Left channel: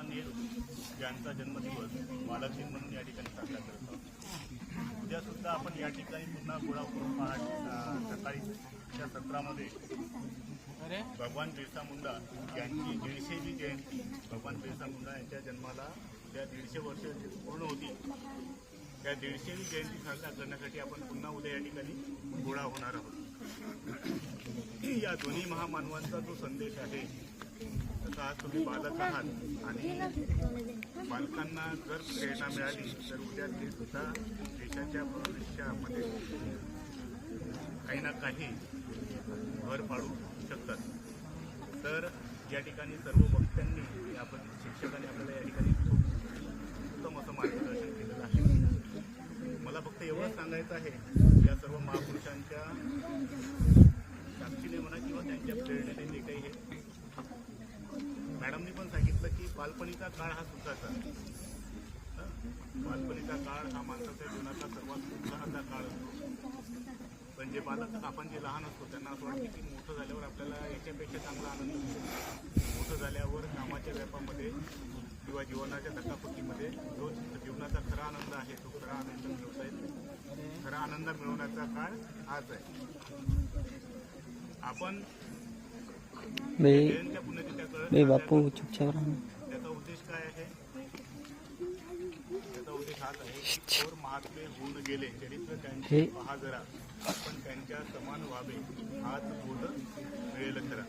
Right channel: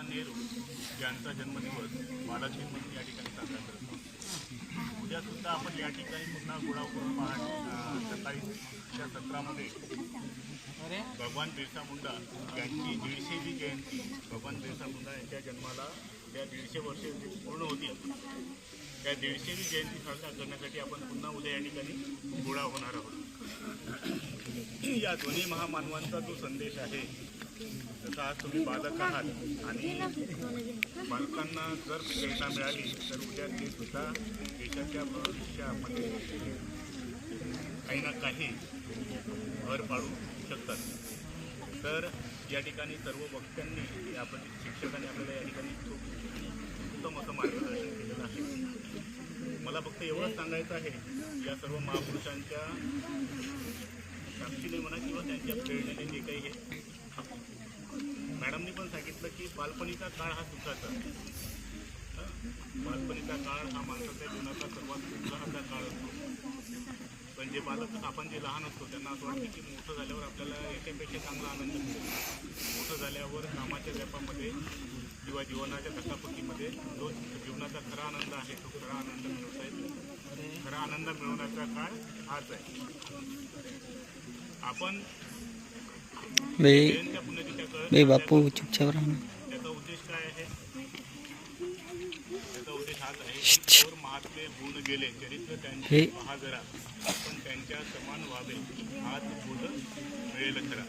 जवाहरलाल नेहरू यांचा जन्मदिवस बालदिन म्हणून या ठिकाणी साजरा करत आहोत. उद्या सुद्धा आपण या ठिकाणी पुन्हा गोळा करून पहाट सकाळीच्या सत्रामध्ये भगवान बिरसा मुंडा यांची दीडशेची जयंती भगवान बिरसा मुंडा यांच्या जन्माला उद्या दीडशे वर्ष जे पूर्ण होतील त्या दीडशेवी जयंती साजरा करण्यासाठी आपण पुन्हा उद्या या ठिकाणी गोळा होणार आहोत. या दोन्ही महामानवांचा जो संदेश आहे तसा आज तुम्ही बालक आहात आणि बालकांना जर प्रेरणा मिळाली तर उद्या ते सुद्धा देशाच्या भविष्यामध्ये काही ना काही भर पाडू शकतात. तर या ठिकाणी सर्व वक्त्यांनी आपण शिक्षकांनी आपल्याला या ठिकाणी खूप उत्तम असं मार्गदर्शन केलेलं आहे. मला फक्त एवढंच सांगायचं आहे या सर्व महापुरुषांच्या साक्षीने म्हणा किंवा त्यांच्या प्रेरणेने जे काही हे मॅडमनी पण सांगितलं की बालपणीचा काळ हा सुखाचा बालपणीचा काळ हा माणसाच्या जीवनाचा सर्वात उत्साहाचा काळ असतो. पण जे बालक आपण जे लहान असतो त्यांना असं वाटतं की मोठं झाल्यावर आपल्याला याच्यापेक्षा चांगला आनंद मिळेल मोठं झाल्यावर कामाच्या व्यापामध्ये किंवा जीवनाच्या धकापकीमध्ये जो जीवनाचा खरा आनंद आहे तो खरा आनंद मिळवता येत नाही. खरा आनंद मिळवण्याचा काळ हाच आहे. आपण बे बे बापू चुपचाप त्याचा उद्देश काय आहे त्याचा उद्देश हाच आहे की महात्मे होऊन गेले चरित्र त्यांचे हे- आपण त्यांच्या समान व्हावे हाच बोध मिळेल खरा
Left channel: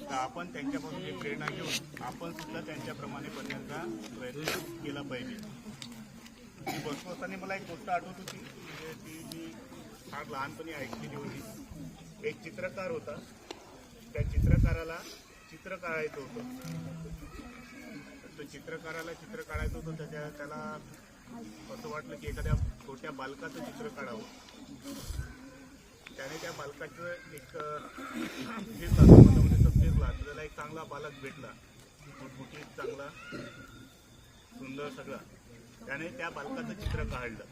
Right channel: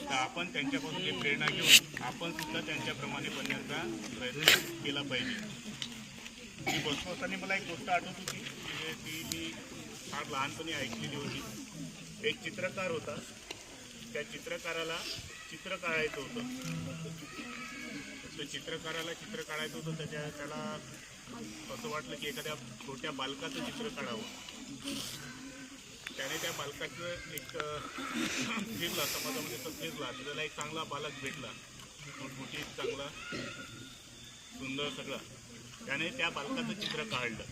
तर आपण त्यांच्यापासून ही प्रेरणा घेऊन आपण सुद्धा त्यांच्याप्रमाणे बनण्याचा प्रयत्न केला पाहिजे ती बसलो मला एक गोष्ट आठवत होती म्हणजे ती मी फार लहानपणी ऐकलेली होती. एक चित्रकार होता. त्या चित्रकाराला चित्र काढायचं होतं. तर तो चित्रकाराला चित्र काढायचं होतं. त्याच्या त्याला असं वाटलं की एखाद्या छोट्या बालकाचं चित्र काढावं. त्याने त्या बालकाचं एक फिरला समाजामध्ये तो फिरला तर त्याला एक चांगला बालक भेटला. मोठमोठी चांगला सुंदर सगळा. त्याने त्या बालकाचं चित्र काढलं.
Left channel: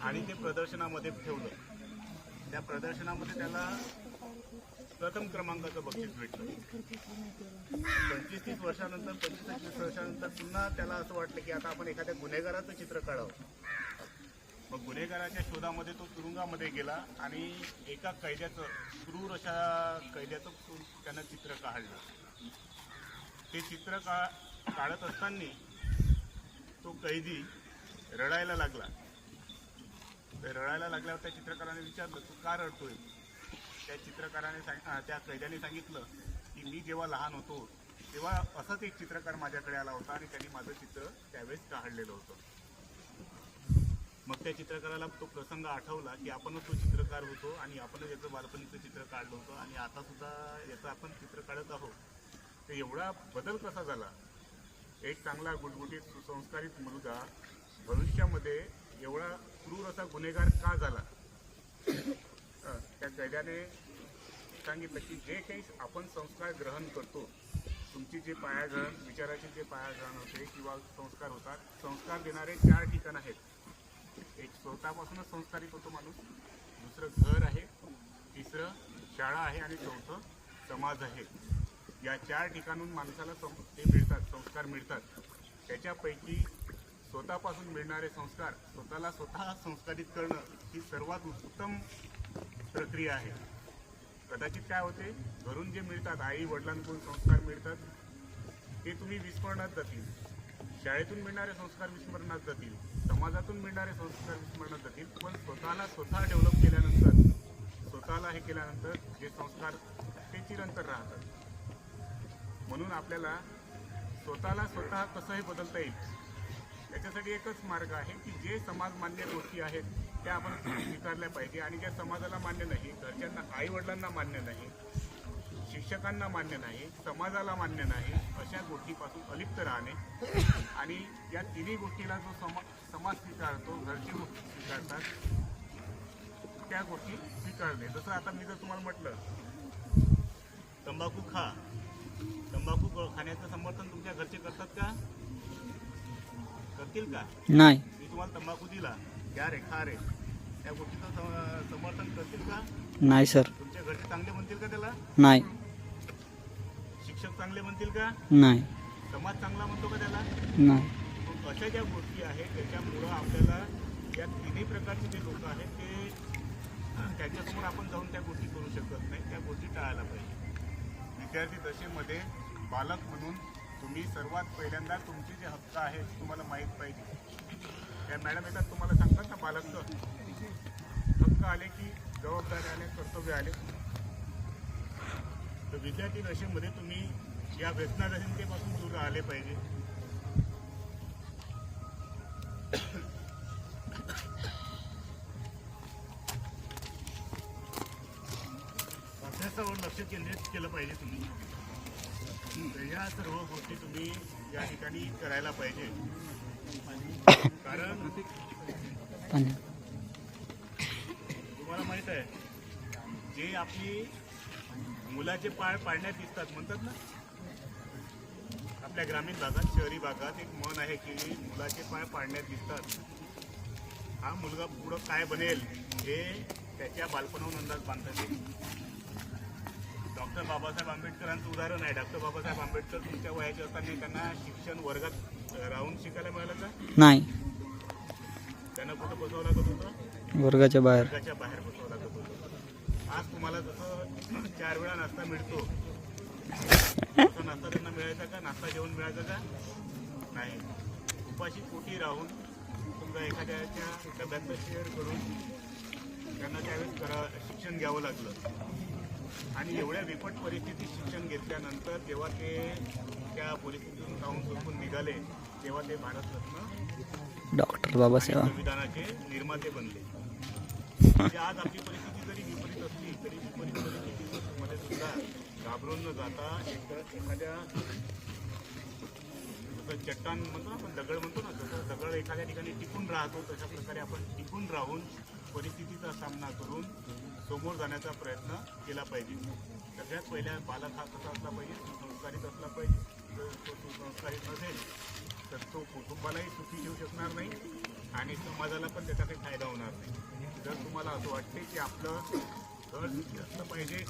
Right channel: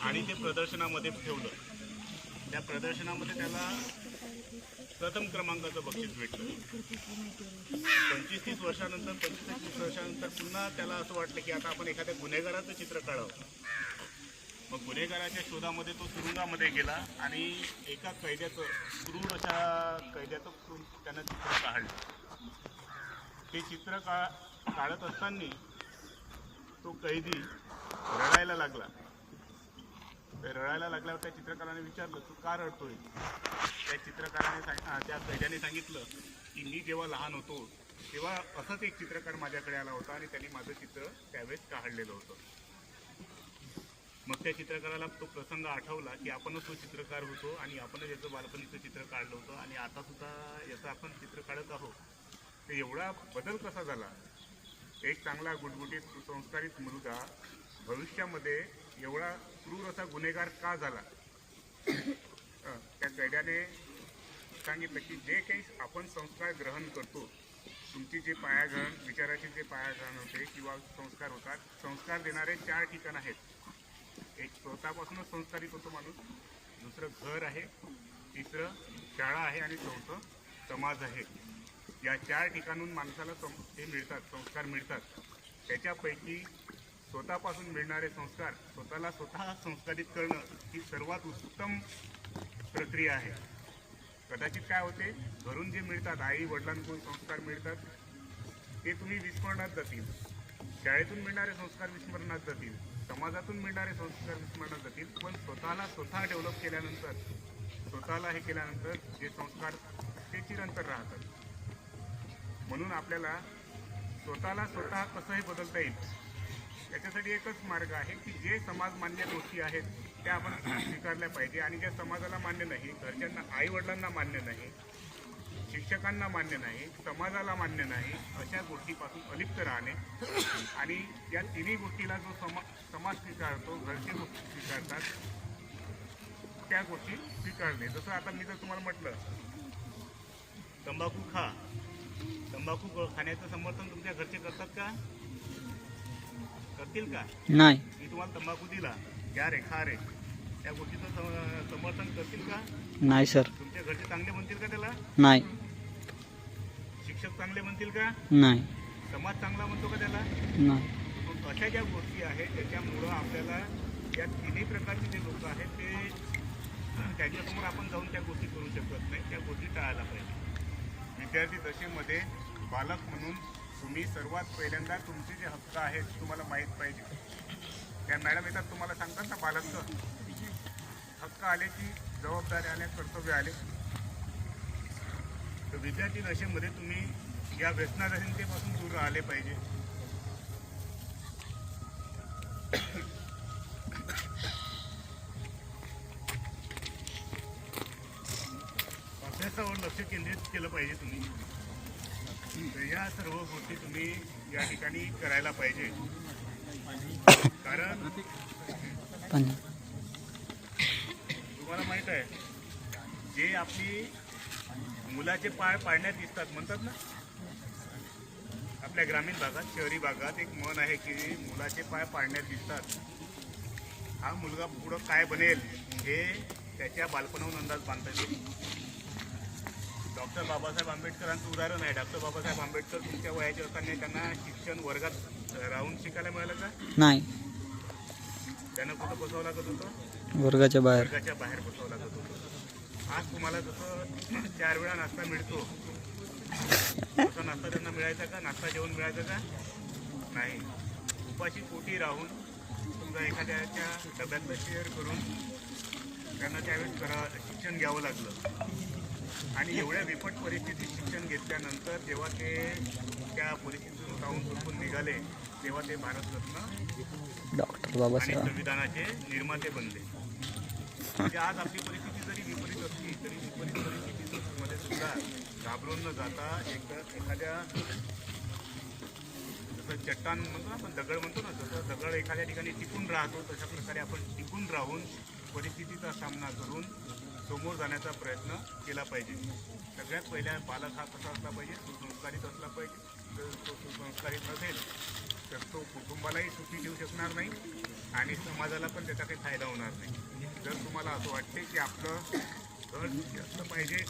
आणि ते प्रदर्शनामध्ये ठेवलं. प्रदर्शनामध्ये त्याला प्रथम क्रमांकाचं बक्षीस भेटलं. पंचवीस तीस वर्षानंतर पंचवीस तीस वर्षानंतर पुन्हा त्याला असं वाटलं की आता आपण एखाद्या गुन्हेगाराचं चित्र काढावं. मग गुन्हेगाराच्या शोधामध्ये तो तुरुंगामध्ये गेला आणि एका कैद्याचं क्रूर अशा कैद्याचं त्यानं चित्र काढलं. ते चित्र का काढत असताना तो कैदी रडायला लागला. तर रडायला लागल्यावर त्या चित्रकाराने विचारलं तू का रडतोय? त्या चित्रकाराने सांग त्या कैद्याने सांगितलं की मी जेव्हा लहान होतो तेव्हा असंच एक चित्रकार माझ्याकडे आला होता आणि त्यांनी माझं चित्र त्यावेळेस काढलेलं होतं. मग त्या चित्रकाराला तो प्रसंग आठवला की आपणच तो चित्रकार होतो आणि आपणच याचं बालपणीचं चित्र काढलं होतं आणि आता सुद्धा याचं आपण चित्र काढत आहोत. तर एवढा बदल कसा झाला? एक चांगला गुटगुटीत सुसंस्कारित मुलगा भविष्यामध्ये एवढा क्रूर असा गुन्हेगार का झाला? त्या कैद्याने सांगितलं की जे काही आपण संस्कार ग्रहण करतो तुमची जे पायाग्रहण विचाराचे जे पायाग्रहण होते किंवा संस्कार होतात संस्कार देणारे चार ठिकाण आहेत. एक स्वतःपासूनच संस्कारित होतो माणूस दुसरं घर आहे तिसरं शाळा आहे आणि चौथं समाज आहे. या चार ठिकाणून माणसाला सं ते मिळतात संस्कार मिळतात. त्याच्यापैकी स्वतःपासून मिळणारे संस्कार स्वतःला स्वतः संस्कारित करणं ही सर्वात उत्तम प्रक्रिया आहे. कदाचित काय होते घरून जे मिळतात आई वडिलांकडून संस्कार मिळतात ते तुम्ही विस्मरणात जातील. शाळेतून मिळणारे संस्कार विस्मरणात जातील समाजातून मिळणारे संस्कार विस्मरणात जातील पण स्वतःला स्वतः डेव्हलप केल्यानंतर स्वतःला हे केल्यानंतर जे संस्कार ते चिरंतर राहतात. म्हणून आपल्याला स्वतःला स्वतः कसंही बदलता येईल त्याच्यासाठी एकच मार्ग आहे की जे समाज मान्य गोष्टी आहेत त्या आपण स्वीकारल्या पाहिजे. आणि ज्या समाजाला मान्य नाही घरच्यांना आईवडिलांना मान्य नाही शिक्षकांना मान्य नाही समाजाला मान्य नाही अशा गोष्टीपासून अलिप्त राहणे. आणि या तिन्ही गोष्टीला जो समा समाज स्वीकारतो घरचे गोष्टी स्वीकारतात त्या गोष्टी स्वीकारणे. जसं आता मी जर तुम्हाला म्हटलं तंबाखू खा. तंबाखू खाण्याचं समर्थन तुमच्या घरचे करतात का? करतील का? नाही. मी तुम्हाला तंबाखू दिला. घ्या रे खा रे. त्या गोष्टीचं सम- समर्थन करतील का? नाही सर. तुमच्या घरचे चांगले म्हणतील का त्याला? नाही. शिक्षक चांगले म्हणतील का? नाही. समाज चांगला म्हणतो का त्याला? नाही. मग अशा ज्या गोष्टी आहेत त्याच्यामुळं आपल्याला या तिन्ही प्रकारचे जे लोक आहेत ते त्यांच्यासमोर आपण जाऊन त्या गोष्टी करू शकत नाही. त्या गोष्टी टाळायला पाहिजे. विद्यार्थी दशेमध्ये बालक म्हणून तुम्ही सर्वात पहिल्यांदा तुमचे जे हक्क आहेत तुम्हाला माहीत पाहिजे. त्या मॅडम येतात तुम्हाला सांगतात ना बालक हक्क आले की जबाबदारी आल्या कर्तव्य आले. तर विद्यार्थी दशेमध्ये तुम्ही या व्यसनाधीनतेपासून दूर राहिले पाहिजे. अभ्यासावर लक्ष केंद्रित केलं पाहिजे तुम्ही. तर या सर्व गोष्टी तुम्ही या ठिकाणी करायला पाहिजे. कारण तुम्हाला माहीत आहे जे आपली मुलाचे पाय पाळण्यात दिसतात म्हणतात ना? आपल्या ग्रामीण भागात शहरी भागात एक मन आहे की मुलाचे पाय पाळण्यात दिसतात. हा मुलगा पुढं काय बनेल हे त्याच्या बालपणाहून अंदाज बांधता येईल. डॉक्टर बाबासाहेब आंबेडकरांचं उदाहरण आहे. डॉक्टर बाबासाहेब आंबेडकर तुमच्या वयाचे असताना त्यांना शिक्षण वर्गात राहून शिकायला मिळालं का? नाही. त्यांना कुठं बसवावं लागत होतं? वर्गाच्या बाहेर. वर्गाच्या बाहेर बसावं लागत होतं. आज तुम्हाला जसं चार वेळा नाश्ता मिळतो तसा नाश्ता त्यांना मिळायचा का? नाश्ता जेवण मिळायचं का? नाही. उपाशी पोटी राहून समजा एखाद्याच्या डब्यातलं शेअर करून त्यांना त्यावेळेस शिक्षण घ्यावं लागलं. आणि एवढ्या विपट परिस्थितीत शिक्षण घेतल्यानंतर जेव्हा ते त्या परिस्थितीतून जाऊन चुकून निघाले तेव्हा ते भारतरत्न डॉक्टर बाबासाहेब. संविधानाचे निर्माते बनले. म्हणजे आज आपली परिस्थिती जरी विपरीत असली तरी विपरीत परिस्थितीमध्ये सुद्धा घाबरून न जाता एक एखाद्या जसं चट्टान म्हणतो ना आपण दगड म्हणतो ना जसं दगड एखाद्या ठिकाणी टिकून राहतो तशा प्रकारे आपण टिकून राहून परिस्थितीचा सामना करून समोर जाण्याचा प्रयत्न केला पाहिजे. सगळ्यात पहिल्या बालक हा कसा असला पाहिजे? सुसंस्कारित असला पाहिजे. जर तो सुसंस्कारित नसेल तर तो कुटुंबालाही सुखी ठेवू शकणार नाही आणि समाजाला पण त्याचा काही फायदा होणार नाही. जर तुम्हाला असं वाटते की आपलं घर सुखी असलं पाहिजे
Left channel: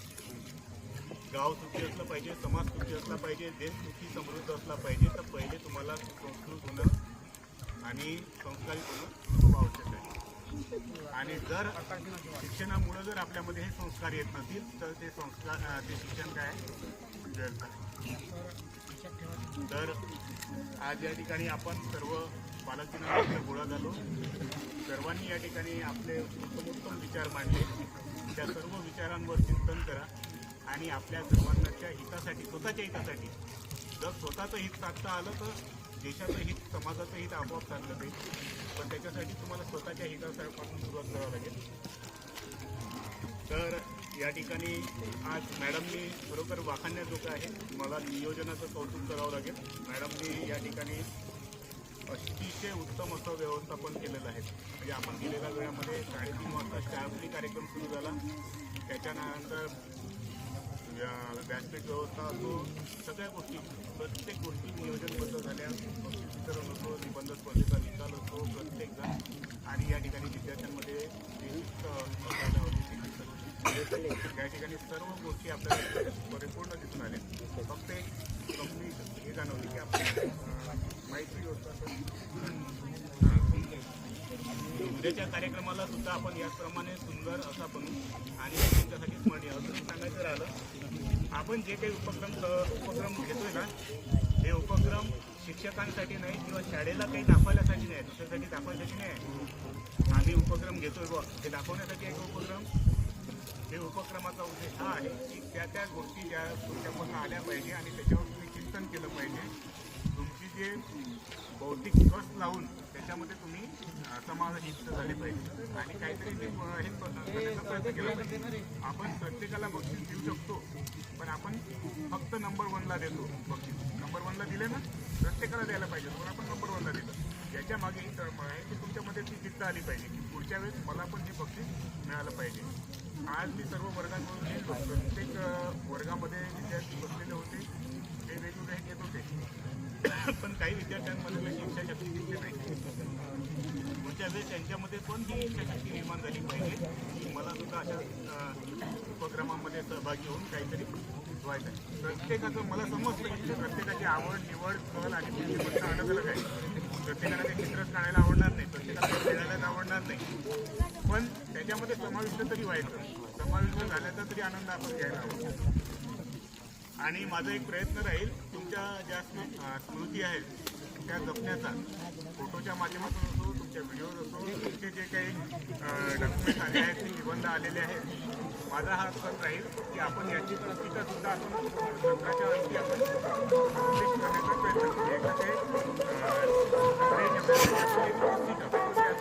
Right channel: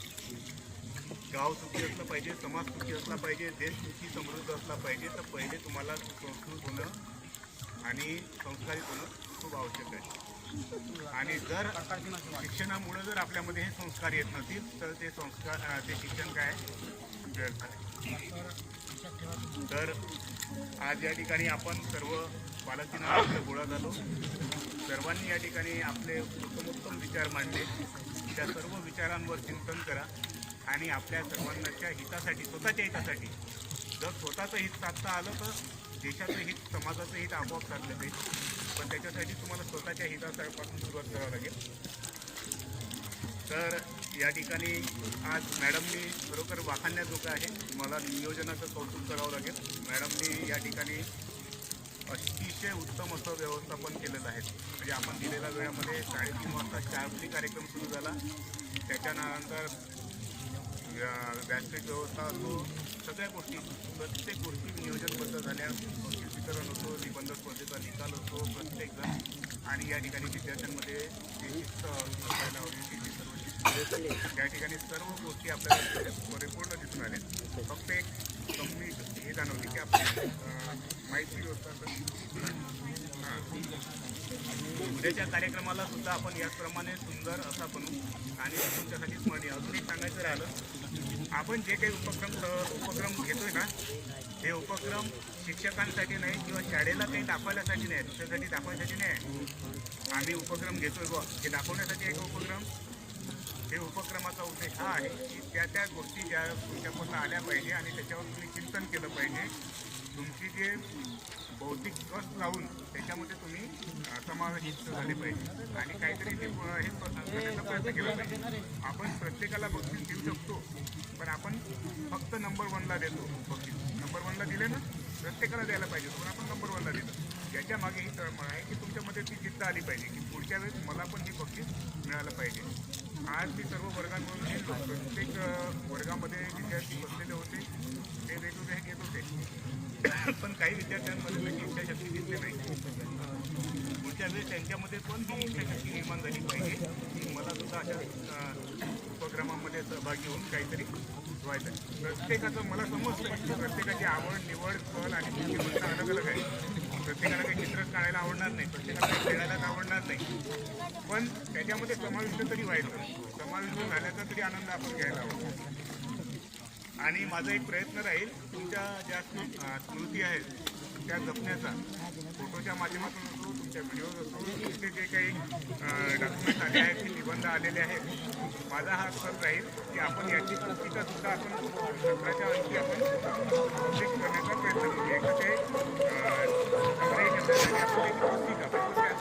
गाव सुखी असलं पाहिजे समाज सुखी असला पाहिजे देश सुखी समृद्ध असला पाहिजे तर पहिले तुम्हाला सुसंस्कृत होणं आणि संस्कारित होणं खूप आवश्यक आहे. आणि जर शिक्षणामुळं जर आपल्यामध्ये हे संस्कार येत नसतील तर ते संस्कार ते शिक्षण काय व्यर्थ आहे. तर आज या ठिकाणी आपण सर्व बालकीना गोळा झालो सर्वांनी या ठिकाणी आपले उत्तमोत्तम विचार मांडले. त्या सर्व विचारांवर चिंतन करा आणि आपल्या सर्वांच्या हितासाठी स्वतःच्या हितासाठी. जर स्वतःचं हित साधता आलं तर देशाचं हित समाजाचं हित आपोआप साधलं जाईल. पण त्याच्यासाठी तुम्हाला स्वतःच्या हितासापासून सुरुवात करावं लागेल. तर या ठिकाणी आज मॅडमनी खरोखर वाखाणण्याजोगं आहे. मला नियोजनाचं कौतुक करावं लागेल. मॅडमनी या ठिकाणी अतिशय उत्तम असं व्यवस्थापन केलेलं आहे. म्हणजे आपण दिलेल्या वेळामध्ये साडेतीन वाजता शार्पली कार्यक्रम सुरू झाला. त्याच्यानंतर व्या- व्यासपीठ व्यवस्था असो सगळ्या गोष्टी प्रत्येक गोष्टी नियोजनबद्ध झाल्या. बक्षीस वितरण निबंध स्पर्धेचा निकाल होतो प्रत्येकजण. आणि या ठिकाणी विद्यार्थ्यांमध्ये जे शिस्त असायला हवी ती सर्व शिस्त या ठिकाणी सर्व गोष्टी आपल्याला परिपूर्ण दिसून आल्या. फक्त एक कमी हे जाणवली की आपली माहिती व्यवस्था उद्याच्या कार्यक्रमाला सुद्धा आपण याचप्रमाणे सुंदर असा बनू. आणि तुमच्यासाठी स्मरणीय. अजून एक सांगायचं राहिलं आपण जे काही उपक्रम उपक्रम घेतोय ना हे उपक्रम शिक्षकांसाठी नाही किंवा शाळेला काही दाखवण्यासाठी नाही दुसऱ्यासाठी दाखवण्यासाठी नाही. आम्ही उपक्रम घेतोय बुवा. हे दाखवण्यासाठी एक उपक्रम. हे उपक्रमाचा उद्देश हा आहे की त्या त्या गोष्टी ज्या तुमच्यापासून आल्या पाहिजे आणि त्याच्यावर तुम्ही चिंतन केलं पाहिजे. तुमची जे बौद्धिक कस लावून त्याच्यामध्ये तुम्ही समाविष्ट झाले पाहिजे. आणि काहीतरी ते हे करण्याचा प्रयत्न केला पाहिजे. आपण प्रत्येकाला बक्षीस देऊ शकतो पण आपण फक्त नंबर वनला देतो बक्षीस. नंबर वनला दिले ना? प्रत्येकाला द्यायला पाहिजे होतं, पण आपण नंबर वनला दिलं. याच्या मागे ही तळमळ आहे की तुमच्यामध्ये ती जिद्द आली पाहिजे की पुढच्या वेळेस मला पण हे बक्षीस मिळालं पाहिजे. आज मी सर्व वर्गांमधून गेलो प्रत्येक वर्गामध्ये विद्यार्थी बसलेले होते ते वेगवेगळे हे घेत होते. पण काही विद्यार्थ्यांमध्ये तशी इच्छाशक्ती दिसली नाही. पुढच्या वेळेस त्यांच्यामध्ये पण ती इच्छाशक्ती निर्माण झाली पाहिजे. की मला सुद्धा अशा उपक्रमामध्ये सहभागी होऊन काहीतरी व्हायचं आहे. प्रत्येकाचं मला समजतं की प्रत्येकाची आवड निवड कल आणि बुद्धिमत्ता अलग अलग आहे. प्रत्येकाला काही चित्रच काढायला आवडणार नाही प्रत्येकाला काही खेळायलाच आवडणार नाही. पण त्याच्यामध्ये समाविष्ट तरी व्हायचं. समाविष्ट झाल्याचा तरी आनंद आपण घ्यायला हवा. आणि माझा एक प्रयत्न राहील तुमच्या ज्या स्मृती आहेत त्या जपण्याचा. फोटोच्या माध्यमातून असो तुमच्या व्हिडिओज असो तुमचे जे काही डॉक्युमेंट्स आले आहेत ते निबंध आलेले आहेत माझा हा सण राहील की आपण याची पुस्तिका सुद्धा आपण सत्राच्या अंशी आपण पब्लिश करण्याचा प्रयत्न करू. एक तर ते संग्रही ठेवण्यासाठी आपण एक पुस्तिका वेगवेगळ्या